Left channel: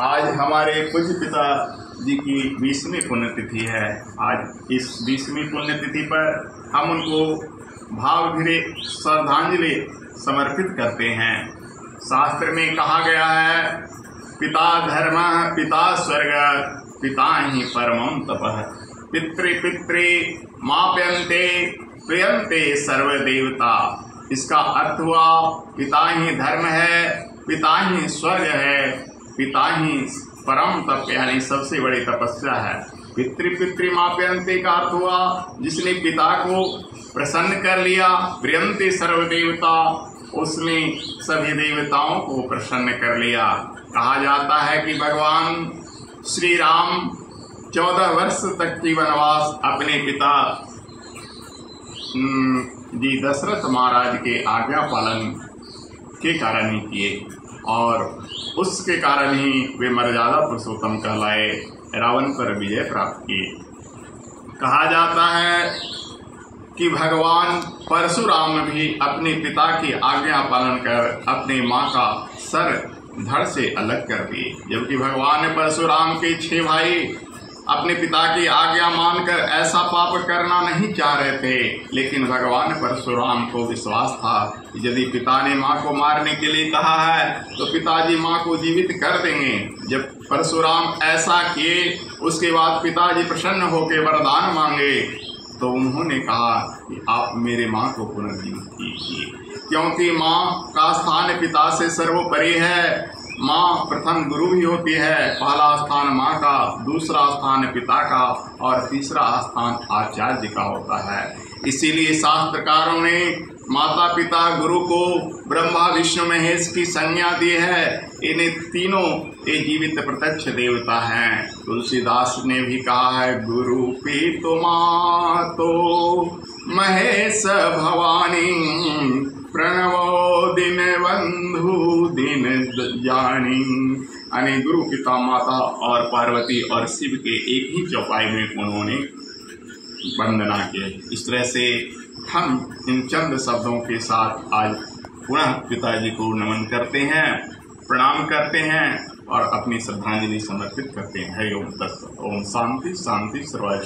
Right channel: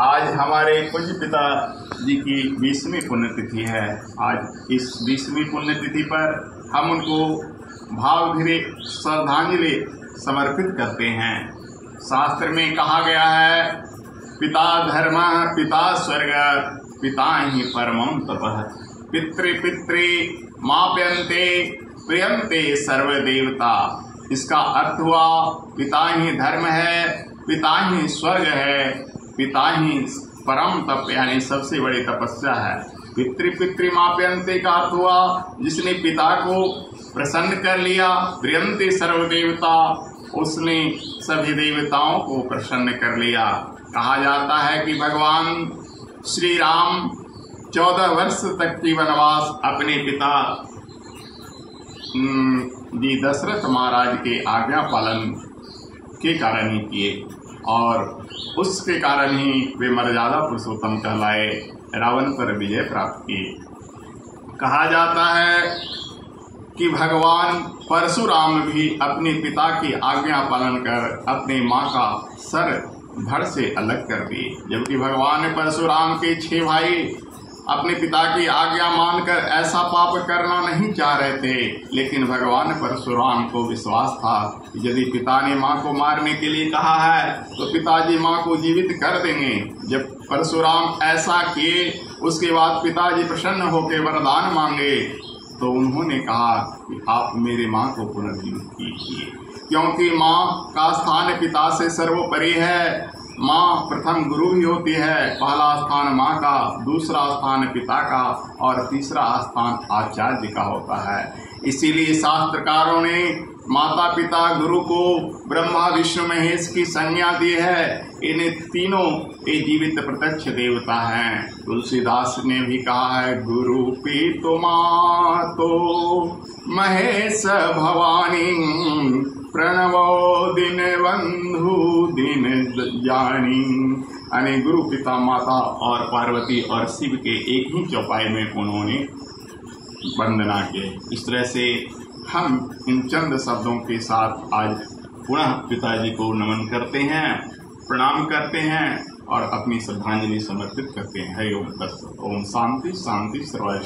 आज हमारे पूज्य पिता जी की 20वीं पुण्यतिथि है। आज इस 20वीं पुण्यतिथि पर हम उनको भावभीरे श्रद्धांजलि समर्पित करते हैं। शास्त्र में कहा गया है, पिता धर्म पिता स्वर्ग पिता ही परमं तपः, पितृ माप्यन्ते प्रियन्ते सर्वदेवता। इसका अर्थ हुआ पिता ही धर्म है, पिता ही स्वर्ग है, पिता ही परम तप यानी सबसे बड़ी तपस्या है। पितृ माप्यन्ते का अर्थ हुआ जिसने पिता को प्रसन्न कर लिया, प्रियन्ते सर्वदेवता, उसने सभी देवताओं को प्रसन्न कर लिया। कहा जाता है कि भगवान श्री राम 14 वर्ष तक की वनवास अपने पिता जी दशरथ महाराज के आज्ञा पालन के कारण ही किए और उसके कारण ही वे मर्यादा पुरुषोत्तम कहलाए, रावण पर विजय प्राप्त किए। कहा जाता है कि भगवान परशुराम भी अपने पिता की आज्ञा पालन कर अपने माँ का सर धड़ से अलग कर दिए। जबकि भगवान परशुराम के 6 भाई अपने पिता की आज्ञा मानकर ऐसा पाप करना नहीं चाह रहे थे, लेकिन भगवान परशुराम को विश्वास था कि यदि पिता ने माँ को मारने के लिए कहा है तो पिताजी माँ को जीवित कर देंगे। जब परशुराम ऐसा किए, उसके बाद पिताजी प्रसन्न होकर वरदान मांगे तो उन्होंने कहा कि आप मेरे माँ को पुनर्जीवित कीजिए, क्योंकि माँ का स्थान पिता से सर्वोपरि है। माँ प्रथम गुरु भी होती है। पहला स्थान माँ का, दूसरा स्थान पिता का और तीसरा स्थान आचार्य का होता है। इसीलिए शास्त्रकारों ने माता पिता गुरु को ब्रह्मा विष्णु महेश की संज्ञा दी है। इन्हें तीनों ये जीवित प्रत्यक्ष देवता हैं। तुलसीदास ने भी कहा है, गुरु पीतो मातो महेश भवानी, प्रणवो दिन बंधु दिन जानी। यानी गुरु पिता माता और पार्वती और शिव के एक ही चौपाई में उन्होंने वंदना की। इस तरह से हम इन चंद शब्दों के साथ आज पुनः पिताजी को नमन करते हैं, प्रणाम करते हैं और अपनी श्रद्धांजलि समर्पित करते हैं। ओम तत्सत। ओम शांति शांति सर्वश्रेष्ठ।